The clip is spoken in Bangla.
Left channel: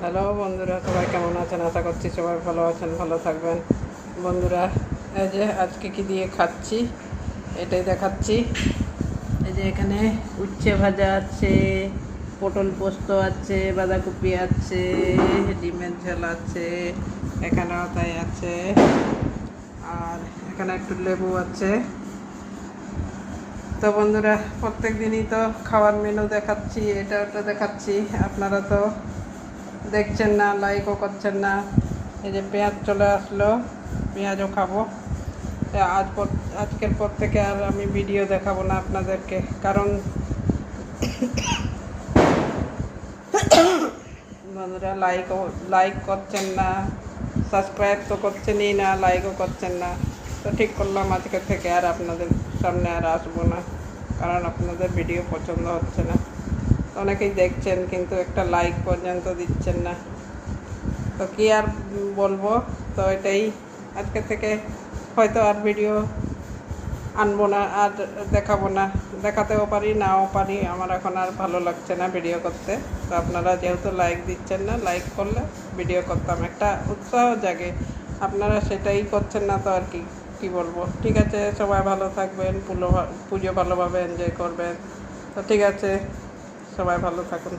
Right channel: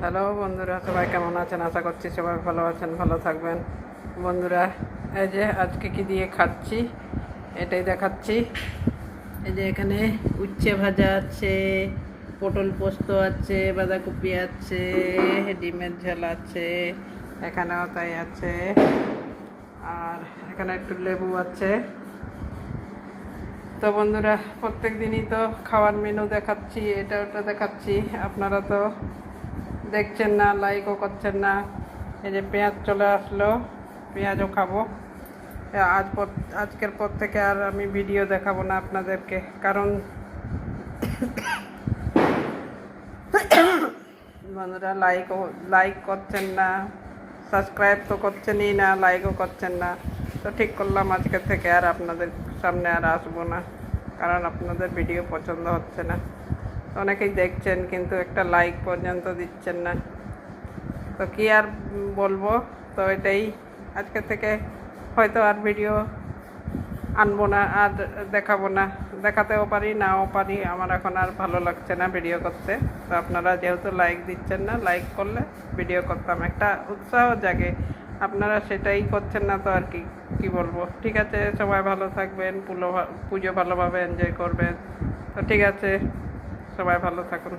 হ্যালো বন্ধুরা, সবাই কেমন আছেন? আশা করছি সবাই ভালো আছেন, ভালো থাকবেন। বন্ধুরা, এই যে আজকে কি দিয়ে খাচ্ছি এটাই দেখাচ্ছি। এই যে এখানে উচ্ছে ভাজা আছে, পটল পোস্ত আছে, বাঁধাকপি আছে, ডিমের ঝাল আছে, এখানেও তাই আছে, আর এখানে একটু লেবু আছে। তো বন্ধুরা, প্রত্যেক দিনই তো খাওয়ার মেনু দেখাচ্ছি, এটা ওটা দেখাচ্ছি, আপনারা তো দেখছেন না, লাইকও করছেন না। এই যে পেঁয়াজ চলে আসলো, পেঁয়াজও খাবো। আজকের পর থেকে আর আমি ভিডিও দেখাবো না আপনাদেরকে, কারণ বন্ধুরা লাইক করছেন না, সাবস্ক্রাইব তো করছেনই না, লাইকও করছেন না। তো ঠিক করলাম আজকের থেকে আর আপনাদের সামনে আর আসবো না, কারণ আপনাদের ভিডিও পছন্দ হচ্ছে না। অনেকেই দেখছেন কিন্তু একটা লাইক পর্যন্ত দিচ্ছেন না। তো কি আর বলবো, তো এটাই আজকে থেকে হয়তো আর ভিডিও আনবো না, আর দেখাবো না। দেখাতেও পারি, নাও পারি, আমার এখন আর ভালো লাগছে না ভিডিও করতে। তো আপনারা যেহেতু লাইক দিচ্ছেন না, লাইক করলে ভিডিও করতাম, একটা উৎসাহ জাগে। আপনারা সেটাই করছেন না, তো আর কি বলবো। ঠিক আছে, সবাই ভালো থাকবেন, পুজো ভালোভাবে এনজয় করবেন। তো ঠিক আছে, সবাই ভালো থাকুন।